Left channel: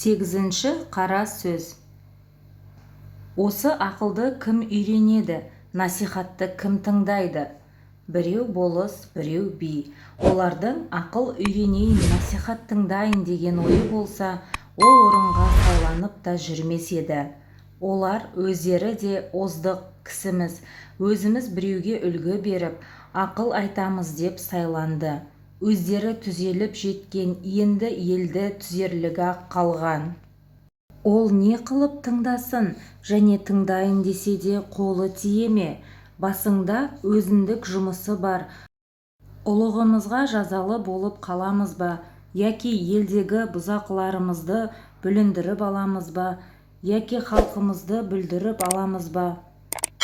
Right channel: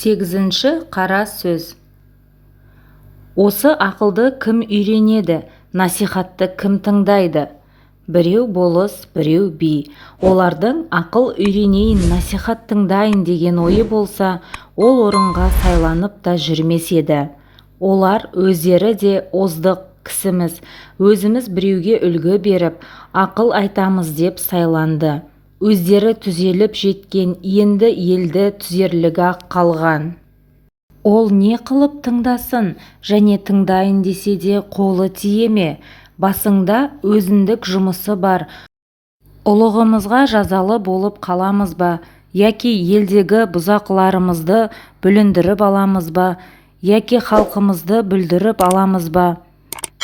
8-ші қара сөз. Осы ақылды кім үйренеді, насихатты кім тыңдайды? Біреу болыс, біреу би. Олардың ақыл үйренейін, насихат тыңдайын деген ойы болса, ол орынға сайланып та жүрмес еді. Олар өздері де оздық кісіміз, өзіміз біреуге үлгі беріп, ақыл айтамыз деп сайланды. Өздері түзеліп жеткен, енді елді түзерлігі қалған. Ол не қылып тыңдасын, және тыңдайын десе де қолы тие ме? Басыңда өзіндік жұмысы бар. Ұлығымызға жазалы болып қаламыз ба? Яки елдегі бұзақыларымызды бүліндіріп аламыз ба? Яки халқымызды бүлдіріп аламыз ба?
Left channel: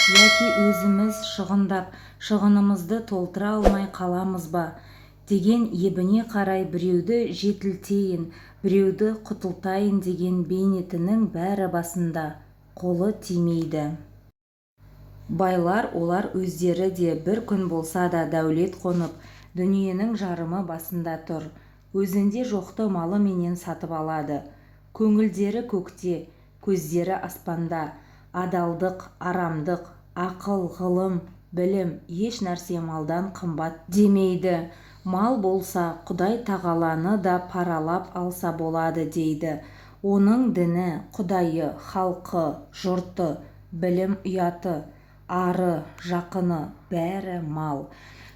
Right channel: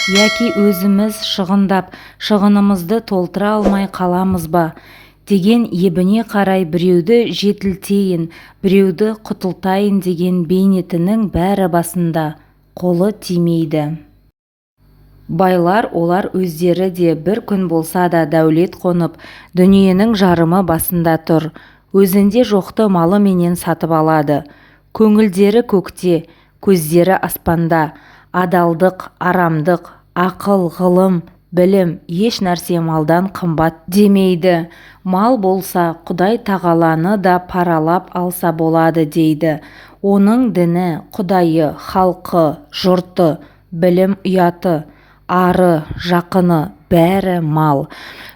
Яки өзіміз шығындап, шығынымызды толтыра алмай қаламыз ба? Деген ебіне қарай біреуді жетілтейін, біреуді құтылтайын деген бейнетінің бәрі басында, қолы тимейді. Байлар олар өздері де бір күн болса да дәулет қонып, дүниенің жарымы басында тұр, өзінде жоқты малы менен сатып алады. Көңілдері көкте, көздері аспанда, адалдық, арамдық, ақыл, ғылым, білім, еш нәрсе малдан қымбат демейді. Мал болса, Құдай тағаланы да паралап алса болады дейді. Оның діні, Құдайы, халқы, жұрты, білім ұяты, ары, жақыны, бәрі мал.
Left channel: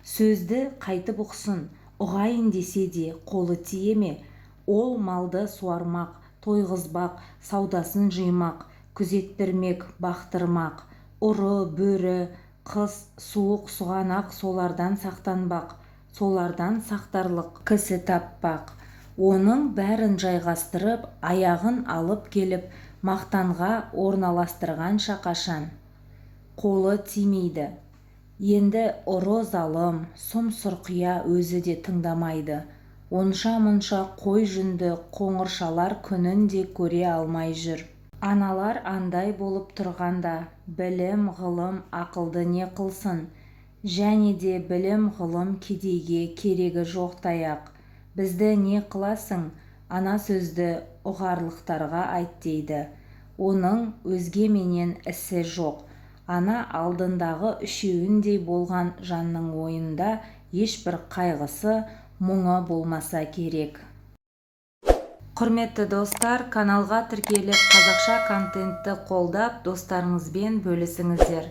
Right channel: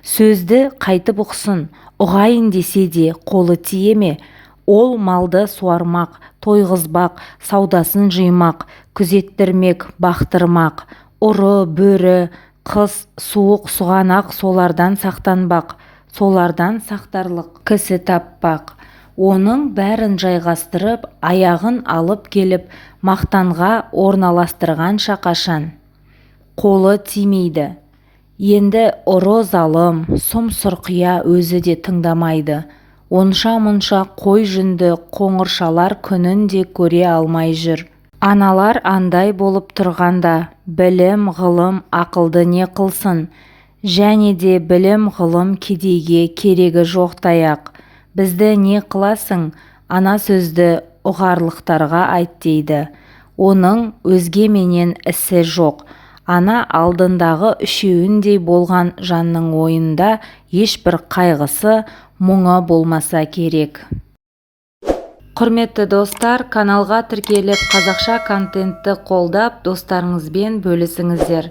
Сөзді қайтып ұқсын, ұғайын десе де қолы тие ме? Ол малды суармақ, тойғызбақ, саудасын жимақ, күзеттірмек, бақтырмақ, ұры, бөрі, қыс, суық, сұғанақ солардан сақтанбақ, солардан сақтарлық кісі таппақ. Оның бәрін жайғастырып, аяғын алып келіп, мақтанға орналастырғанша қашан қолы тимейді. Енді ұры залым, сұм сұрқия өзі де тыңдамайды. Онша-мұнша қой жүнді қоңыршалар күнін де көре алмай жүр. Аналар андай болып тұрғанда, білім, ғылым, ақылды не қылсын? Және де білім, ғылым кедейге керегі жоқ таяқ. Бізді не қыласың? Ана сөзді ұғарлықтарға айт дейді. Оның өзге менен ісі жоқ. Ана алдындағы үшеуіндей болған жанның ойында ешбір қайғысы, мұңы болмаса керек. Құрметті достар, каналға тіркеліп, қазақша контентті қолдап, достарыңызбен бөлісіңіздер.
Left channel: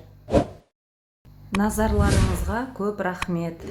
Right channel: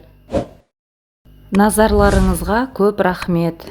Назарларыңызға көп рахмет.